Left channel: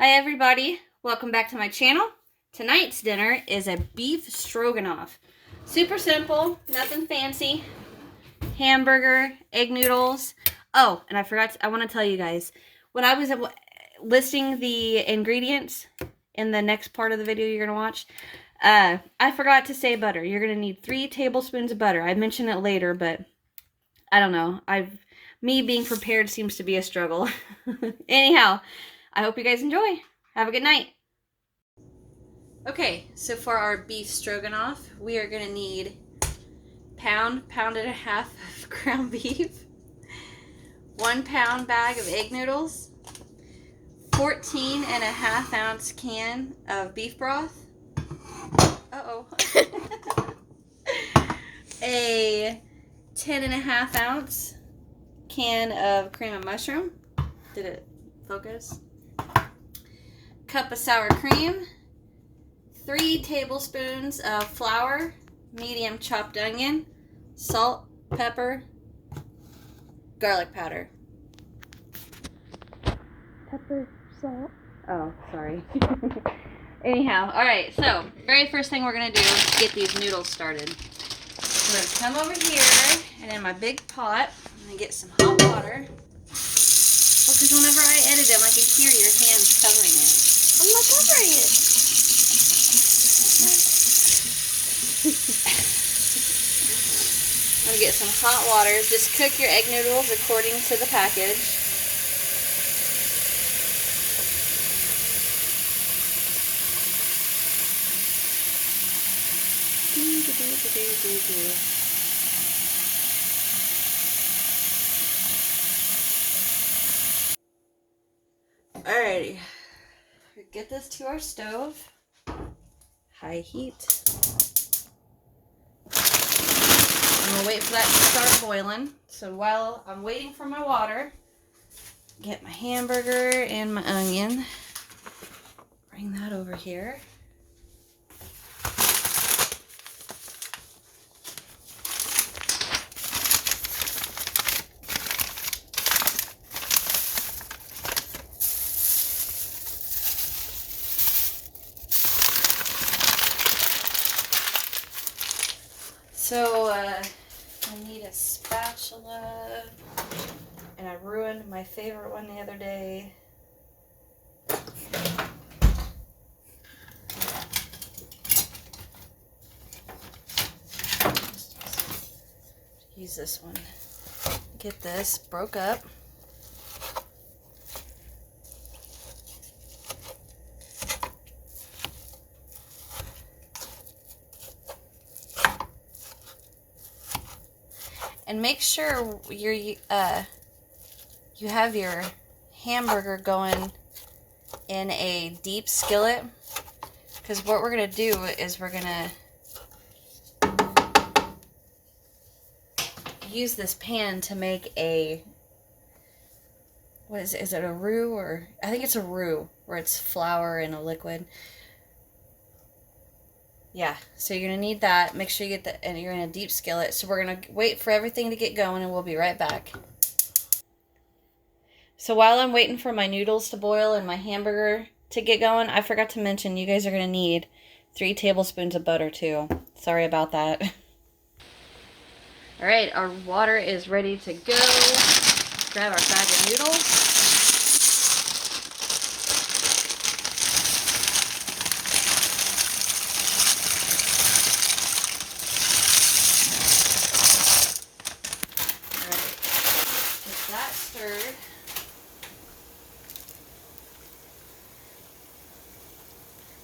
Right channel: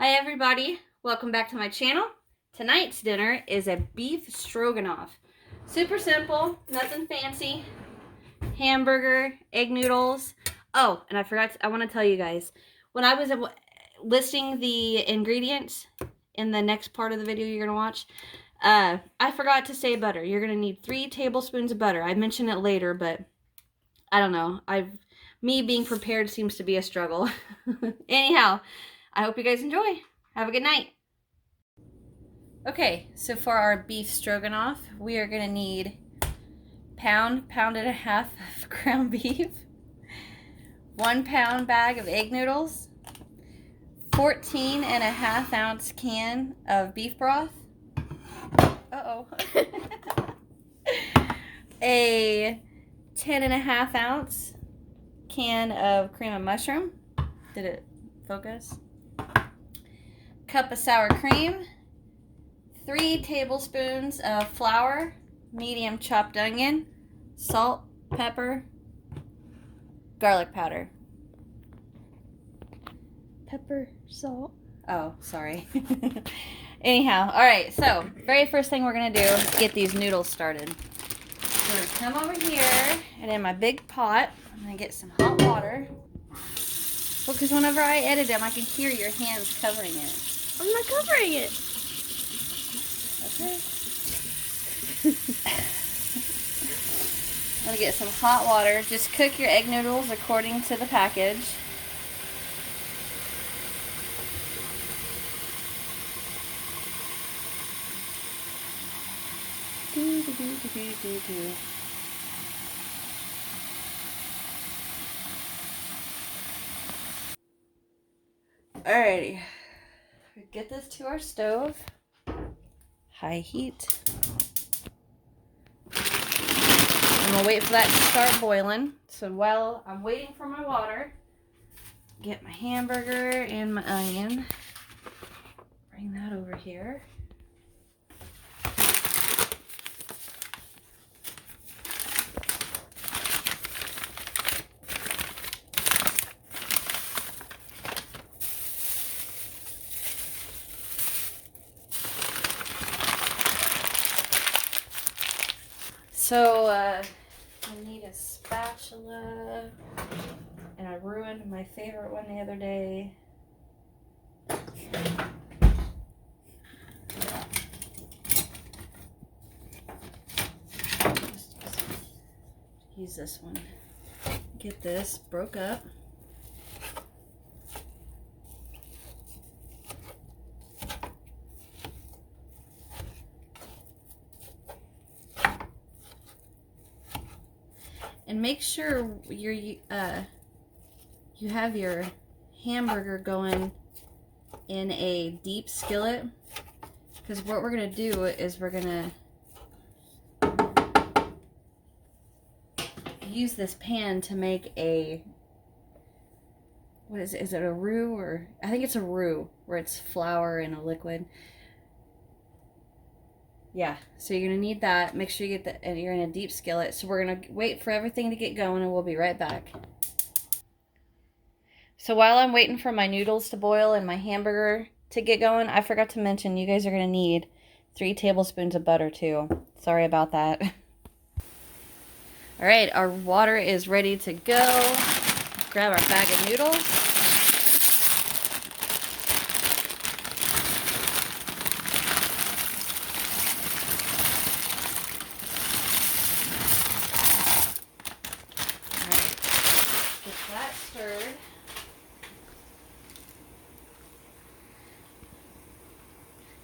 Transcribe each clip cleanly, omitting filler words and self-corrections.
Hi everybody, welcome back to my channel. Tonight's dinner is a beef stroganoff. Super simple, nothing fancy. Hamburger, egg noodles. Oh, and I want to tell you guys, when I was listing the ingredients in the next part of the video you're going to watch, I forgot to say butter. You're going to need 3 tablespoons of butter. I mentioned it later, but I don't know. Me being prepared seems to be a struggle. Anyhow, I hope you guys enjoy. Have a good night. Okay, so for our beef stroganoff, we are going to need pound and a half of ground beef, 1 pound bag of egg noodles, 14 and a half ounce can of beef broth, a 10 and a half ounce can of cream of mushroom. Did it focus? Cup of sour cream, 3 tablespoons of flour, medium chopped onion, salt, pepper, garlic powder. Pepper, salt. Oh, sorry. Anyhow, alright, so very first thing we're going to do is get these noodles started. I'm going to come over here, and in my big pot, I'm going to get some hot water. Well, because whenever I edit them, I can hear your hands covering it. I'm not covering it. I'm going to get some hot water. Just cook your egg noodles according to the package. Alrighty. Get this to our stove. High heat. I'm going to wait for that to start boiling. So while I'm waiting for my water, get my hamburger and my onion. Bring that over here. So, I need a spatula, and I ruined my favorite one the other day. Use this one. Get this broke up. And make sure you have your hamburger going in a deep skillet, because what we're going to do is we're going to use this pan to make a, what is it? Is it a roux? Or I think it's a roux, where it's flour in a liquid. Yeah, so you're going to need that. Make sure you get that, and you're in a deep skillet. So we're going to wait for everything to get going, and we'll be right back. So while I'm waiting for my noodles to boil and my hamburger to get going, I forgot to mention you guys are going to need 3 tablespoons of butter too. Sorry about that. Alright, our water is ready to go. Grab our bag of noodles. Stirred.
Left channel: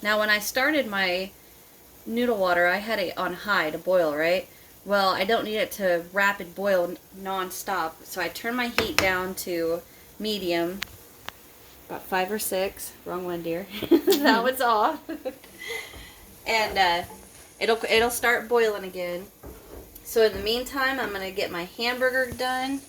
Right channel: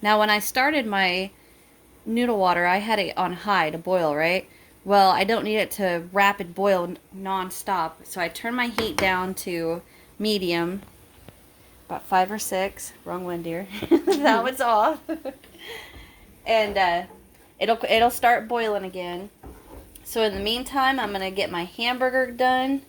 Now when I started my noodle water, I had it on high to boil, right? Well, I don't need it to rapid boil non-stop, so I turn my heat down to medium, about 5 or 6. Wrong one, dear. That one's off. And it'll start boiling again. So in the meantime, I'm gonna get my hamburger done.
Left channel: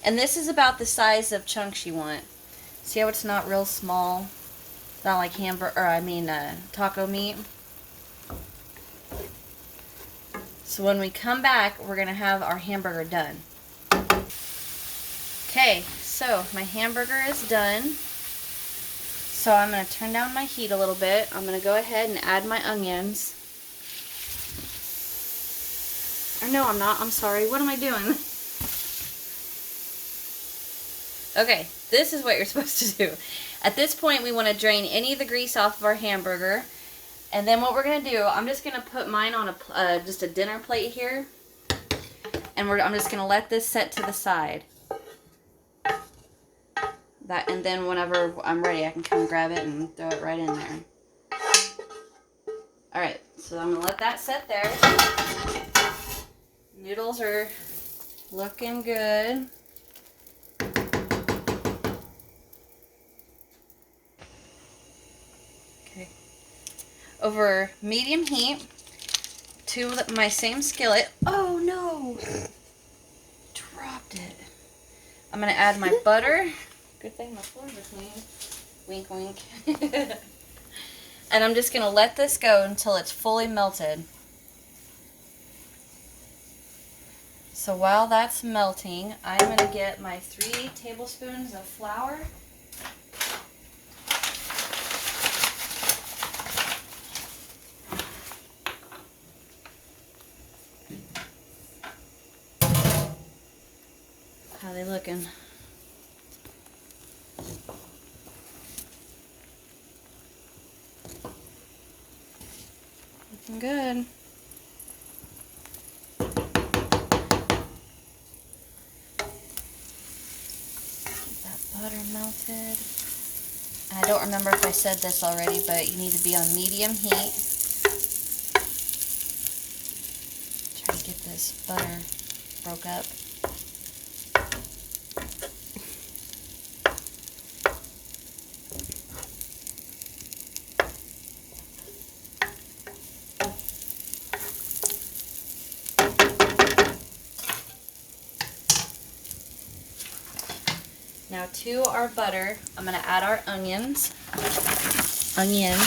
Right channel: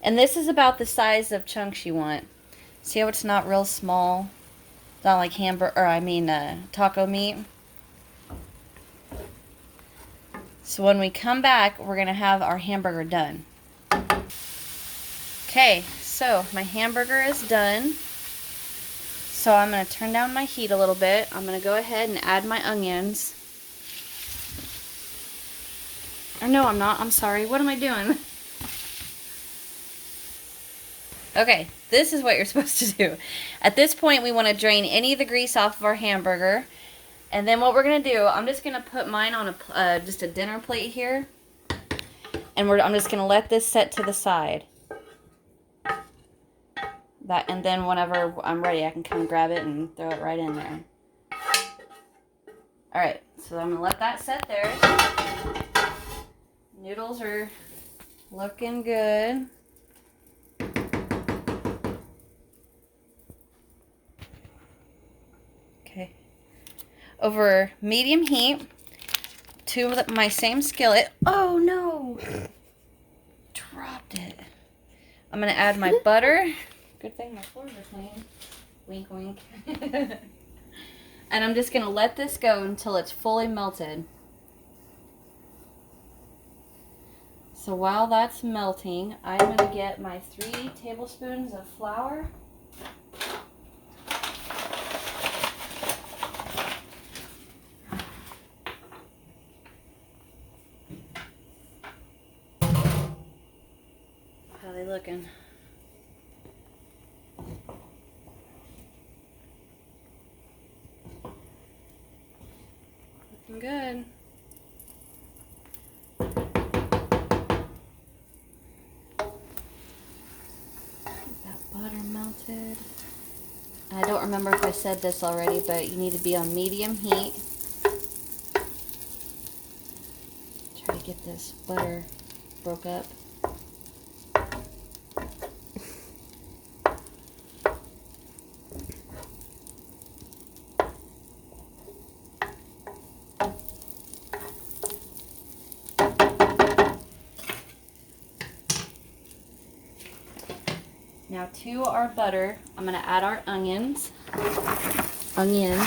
And this is about the size of chunks you want. See how it's not real small? Not like taco meat. So when we come back, we're going to have our hamburger done. Okay, so my hamburger is done. So I'm going to turn down my heat a little bit. I'm going to go ahead and add my onions. Or no, I'm not. I'm sorry. What am I doing? Okay, this is what you're supposed to do. At this point, we want to drain any of the grease off of our hamburger. And then what we're going to do, I'm just going to put mine on just a dinner plate here. And I'm just going to let this set to the side. And then whenever I'm ready, I can come grab it and throw it right in there. Alright, so I'm going to let that set there. Noodles are looking good. Okay. Over medium heat, to my same skillet. Oh no! Dropped it. I'm going to add my butter. Good thing my floors are clean. Wink, wink. And I'm just going to let this go until it's fully melted. So while that's melting, I'm going to get my 3 tablespoons of flour. How are they looking? Looking good. Butter melted. I don't remember if I said this already, but you need to be on medium heat. Try to get this butter broke up. Now to our butter, I'm going to add our onions. Onion. And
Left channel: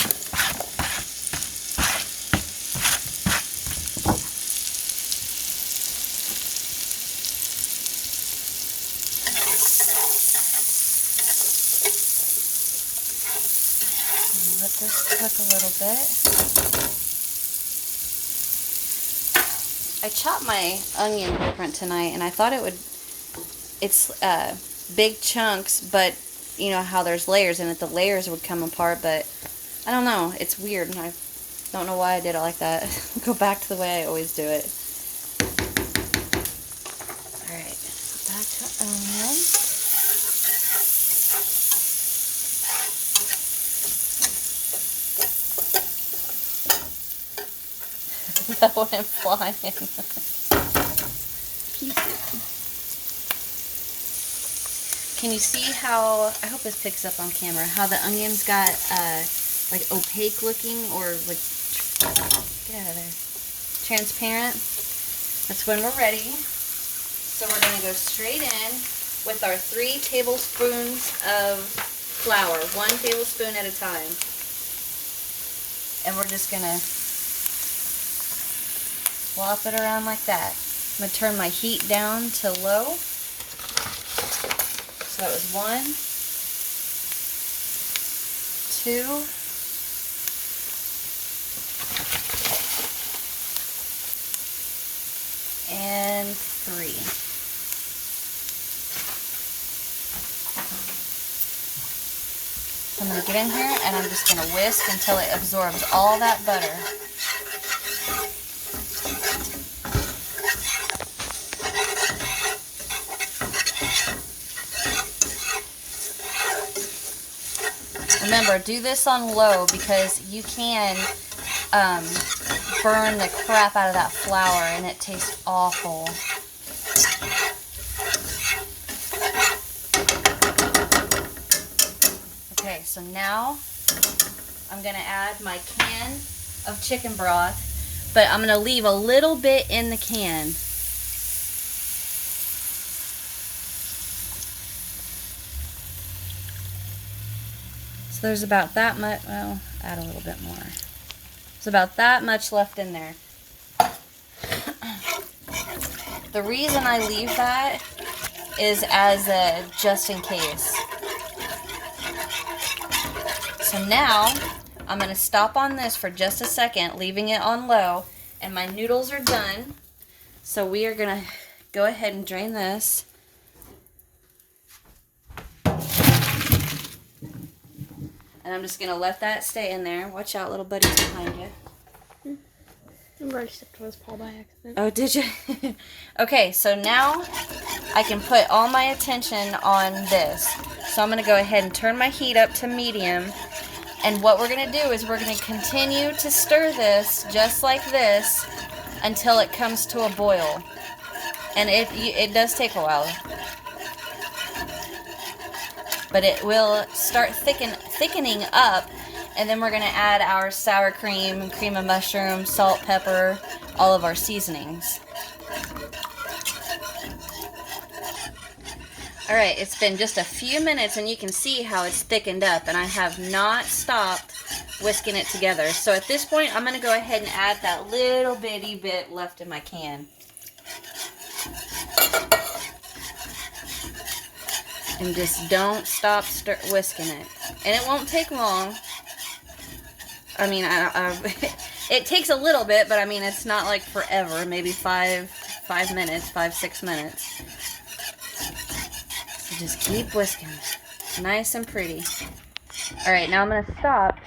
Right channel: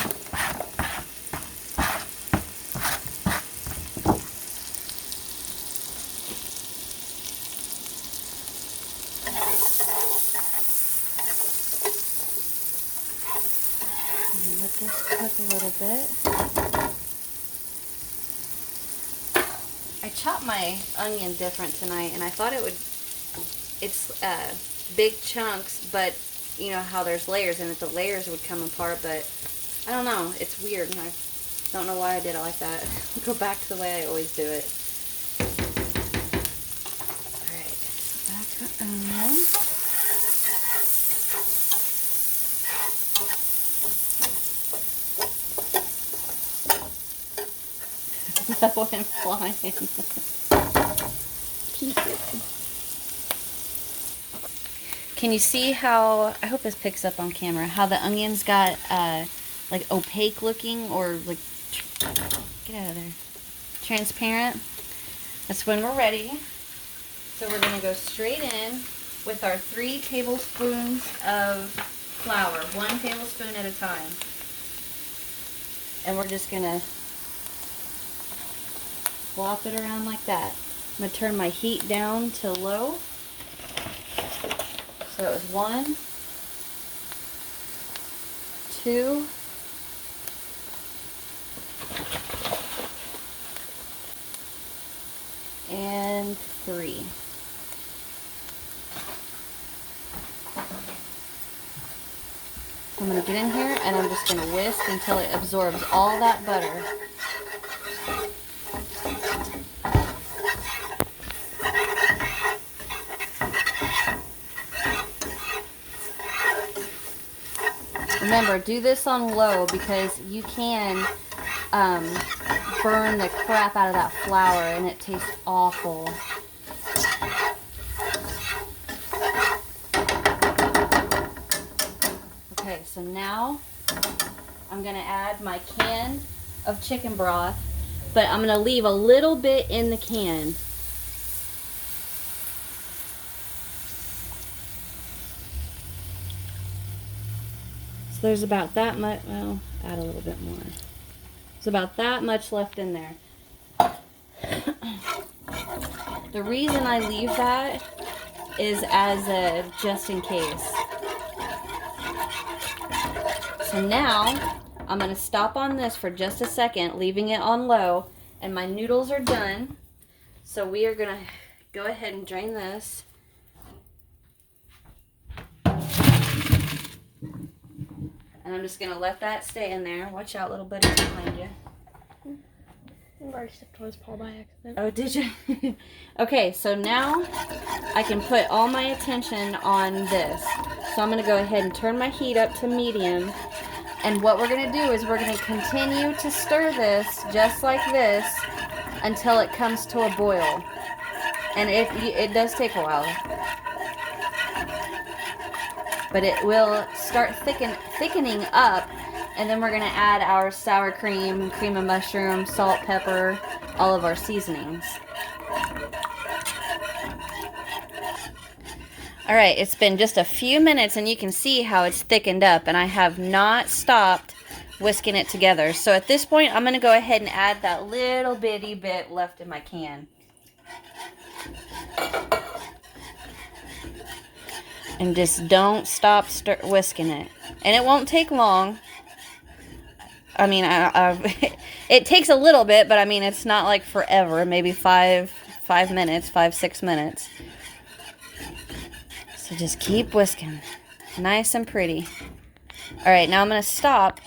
let this cook a little bit. I chopped my onion different tonight, and I thought it's big chunks, but you know how there's layers in it, the layers would come apart, but I don't know, it's weird, and I don't know why I did it like that. Go back to the way I always do it. Alright, back to onions. That went flying. Pieces. Can you see how, I hope this picks up on camera, how the onions got like opaque looking, or like, get out of there, transparent? That's when we're ready. So we're going to go straight in with our 3 tablespoons of flour, 1 tablespoon at a time. And we're just going to flop it around like that. I'm going to turn my heat down to low. So it was 1, 2, and 3. I'm going to get in here and I'm just going to whisk until it absorbs all that butter. Remember, do this on low because you can burn the crap out of that flour and it tastes awful. Okay, so now I'm going to add my can of chicken broth, but I'm going to leave a little bit in the can. There's about that much, well, add a little bit more. There's about that much left in there. The reason I leave that is as a just in case. So now I'm going to stop on this for just a second, leaving it on low, and my noodles are done. So we are going to go ahead and drain this. And I'm just going to let that stay in there. Watch out, little buddy's behind you. I already stepped on his paw by accident. Oh, did you? Okay, so now I can put all my attention on this. So I'm going to go ahead and turn my heat up to medium. And what we're going to do is we're going to continue to stir this just like this until it comes to a boil. And it does take a while. But it will start thickening up. And then we're going to add our sour cream, cream of mushroom, salt, pepper, all of our seasonings. All right, it's been just a few minutes and you can see how it's thickened up, and I have not stopped whisking it together. So at this point, I'm going to go ahead and add that little bitty bit left in my can. And just don't stop whisking it. And it won't take long. I mean, it takes a little bit, but I mean, it's not like forever. Maybe 6 minutes. So just keep whisking. Nice and pretty. All right, now I'm going to stop.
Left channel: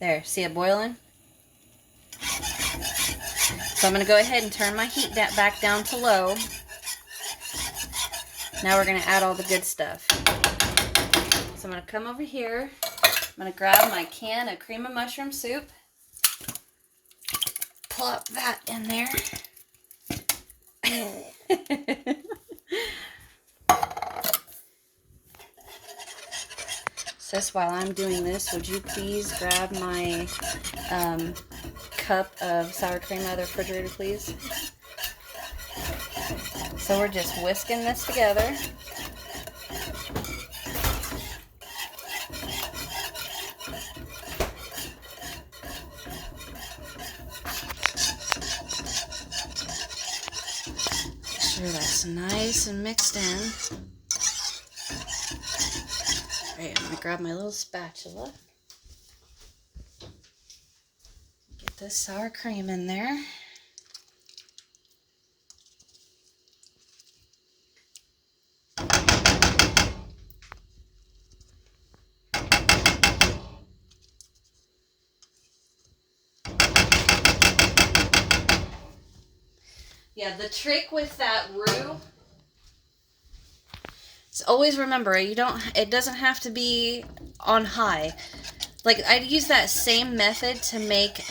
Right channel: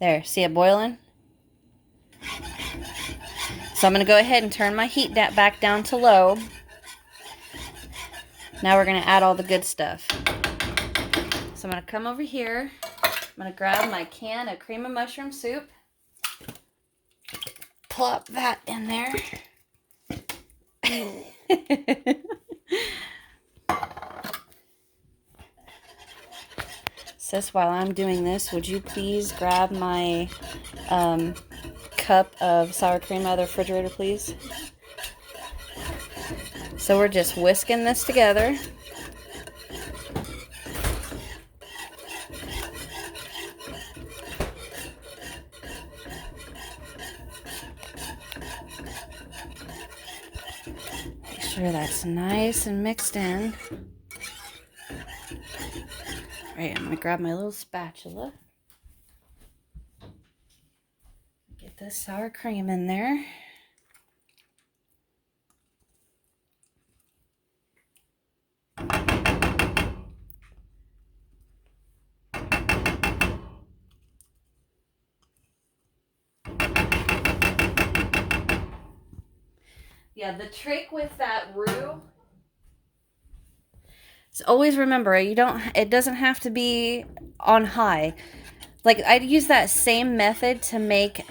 There, see it boiling? So I'm going to go ahead and turn my heat back down to low. Now we're going to add all the good stuff. So I'm going to come over here. I'm going to grab my can of cream of mushroom soup. Plop that in there. Sis, while I'm doing this, would you please grab my cup of sour cream out of the refrigerator, please? So we're just whisking this together. Make sure that's nice and mixed in. All right, I'm gonna grab my little spatula. Get this sour cream in there. Yeah, the trick with that roux is always remember, it doesn't have to be on high. Like, I'd use that same method to make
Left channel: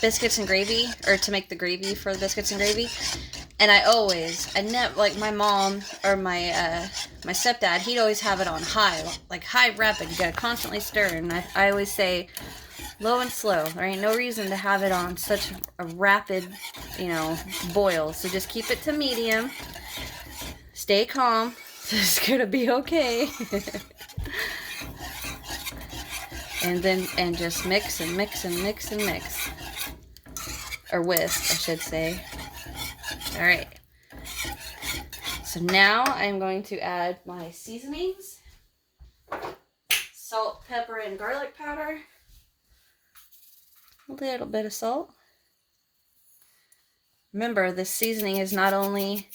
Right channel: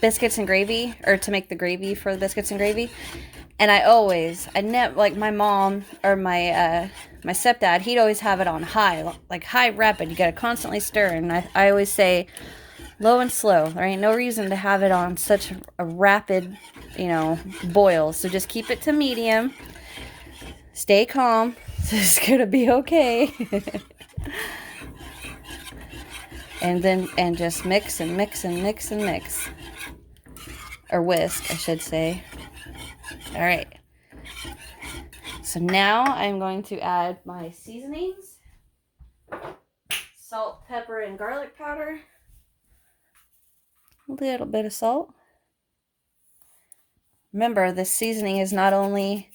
biscuits and gravy, or to make the gravy for the biscuits and gravy. And I never, like my mom or my stepdad, he'd always have it on high, like high rapid. You gotta constantly stir. And I always say low and slow. There ain't no reason to have it on such a rapid, boil. So just keep it to medium. Stay calm. It's gonna be okay. And just mix and mix and mix and mix. Or whisk, I should say. All right. So now I'm going to add my seasonings. Salt, pepper, and garlic powder. A little bit of salt. Remember, this seasoning is not only...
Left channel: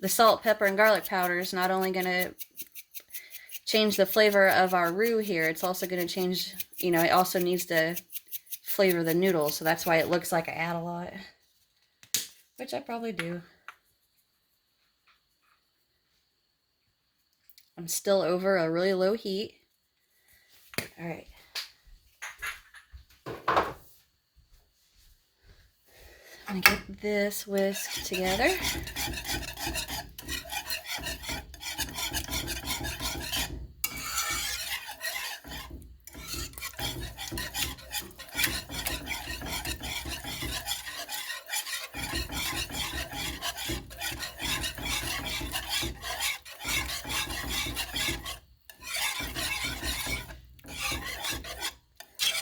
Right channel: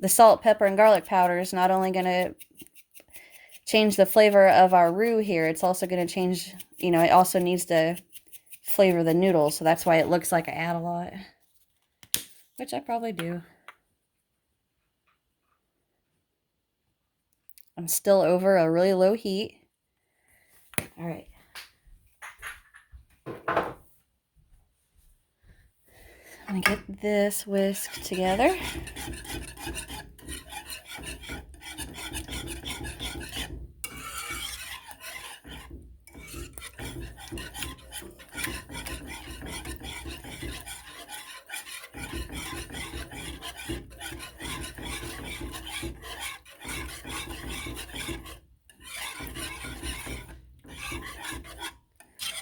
The salt, pepper, and garlic powder is not only going to change the flavor of our roux here, it's also going to change, it also needs to flavor the noodles. So that's why it looks like I add a lot. Which I probably do. I'm still over a really low heat. All right. I'm going to get this whisked together.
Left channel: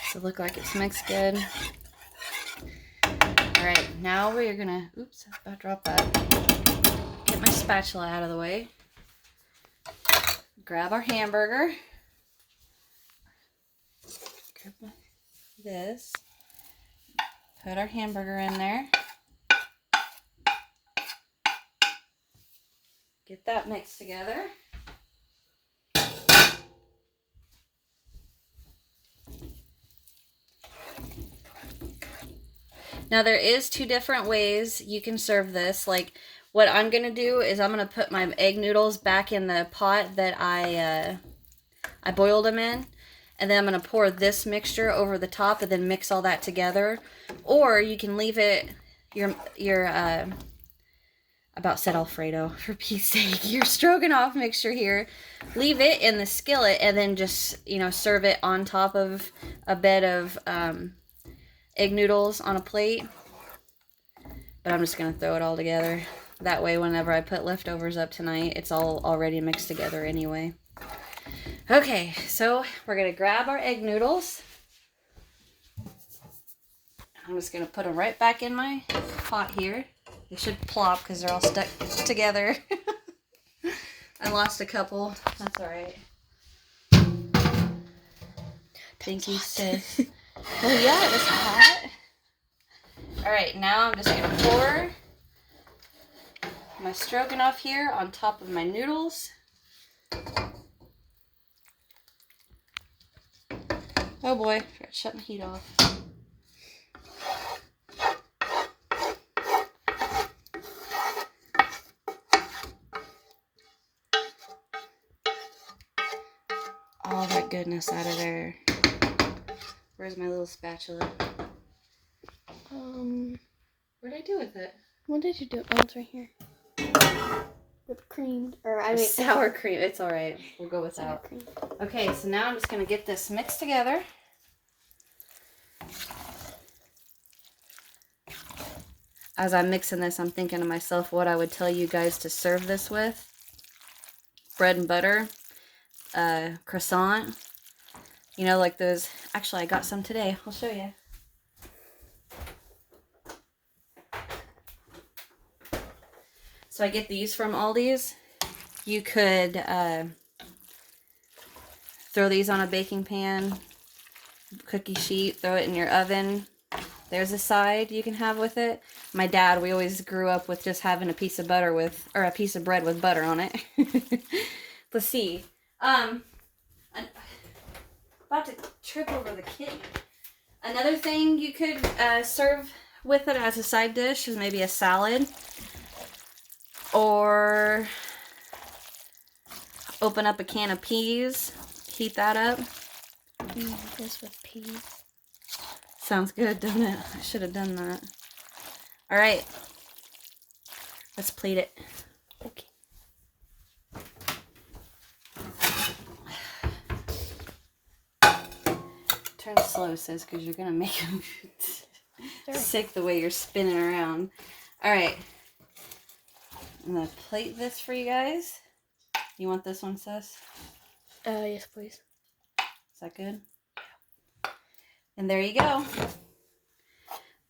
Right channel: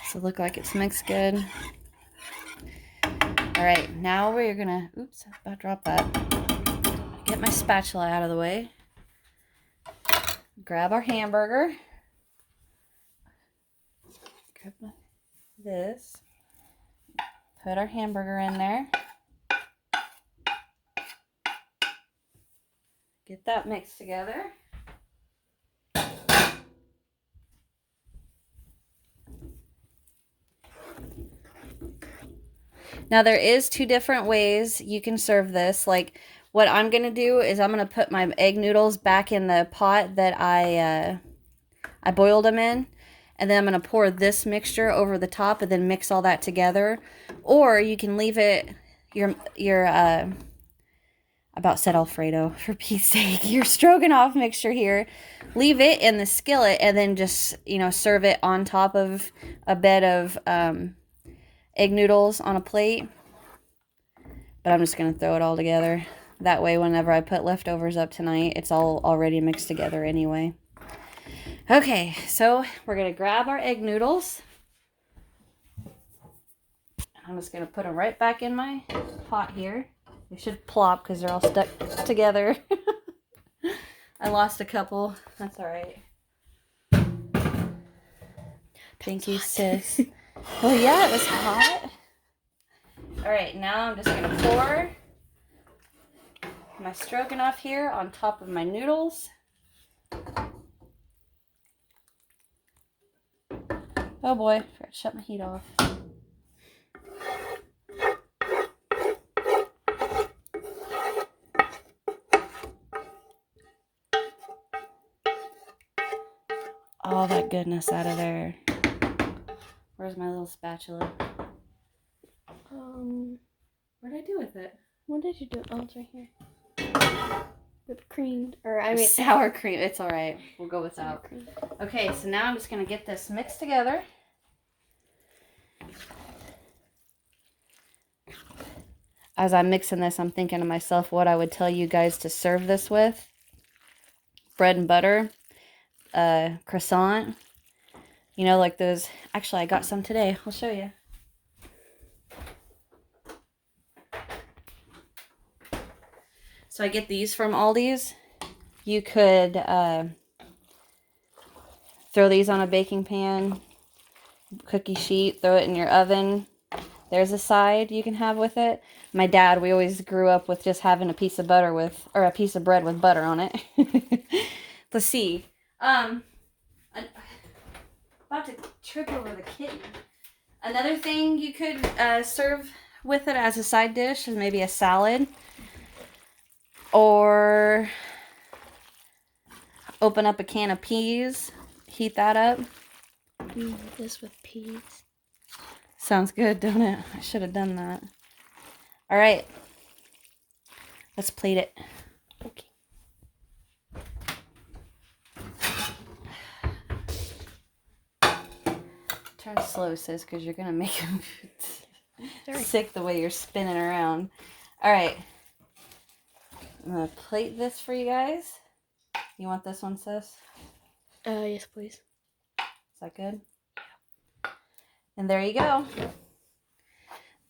Does it look like it's mixed good? Alright, now we're gonna, oops, about to drop that. Get my spatula out of the way. grab our hamburger. Grab this. Put our hamburger in there. Get that mixed together. Now there is 2 different ways you can serve this. Like what I'm going to do is I'm going to put my egg noodles back in the pot that I boiled them in. And then I'm going to pour this mixture over the top and then mix all that together. Or you can leave it, about said Alfredo, for Pete's sake, your stroganoff mixture here. Leave it in the skillet and then just, you know, serve it on top of a bed of egg noodles on a plate. But I'm just going to throw it all together. That way, whenever I put leftovers up tonight, it's all already mixed together anyway. Okay, so we're going to grab our egg noodles. I'm just going to put them right back in my pot here. They should plop because they're all stuck together. I lost a couple. That's all right. Thank you, sis. Oh, yeah, it was hot. All right, now I'm just going to pour my stroganoff here on top of my noodles. Oh boy, I forgot to shut my heat off. All that goodness out of there. Where's my little spatula? What did I do with it? What did you do? Oh, it's right here. Whipped cream, or I mean sour cream. It's all right. We'll go with sour cream. Okay, so now I'm just gonna get this mixed together. As I'm mixing this, I'm thinking to myself what I would tell you guys to serve this with. Bread and butter, croissant. You know, like those. Actually, I got some today. I'll show you. So I get these from Aldi's. You could throw these on a baking pan, cookie sheet, throw it in your oven. There's a side you can have with it. My dad, we always grew up with just having a piece of butter with, or a piece of bread with butter on it. Let's see. About to trip over the kitten. Another thing you could serve with it as a side dish is maybe a salad. Or open up a can of peas, heat that up. This with peas. Sounds good, doesn't it? I should have done that. All right, let's plate it. Okay. Turn slow, sis, because you're gonna make him sick the way you're spinning around. All right. I'm going to plate this for you guys. You want this one, sis? Yes, please. Is that good? Yeah. And there you go.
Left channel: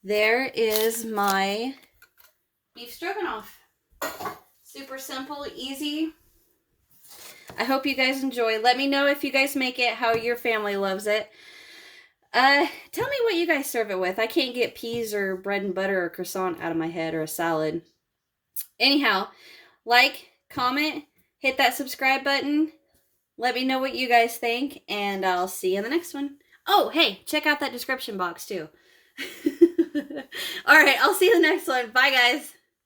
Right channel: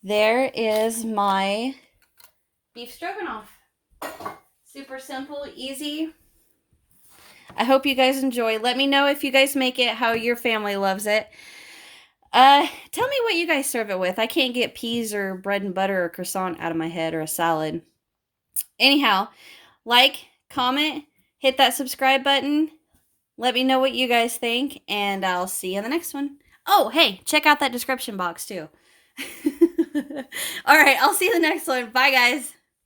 There is my beef stroganoff. Super simple, easy. I hope you guys enjoy. Let me know if you guys make it, how your family loves it. Tell me what you guys serve it with. I can't get peas or bread and butter or croissant out of my head, or a salad. Anyhow, like, comment, hit that subscribe button. Let me know what you guys think, and I'll see you in the next one. Oh, hey, check out that description box, too. All right, I'll see you in the next one. Bye, guys.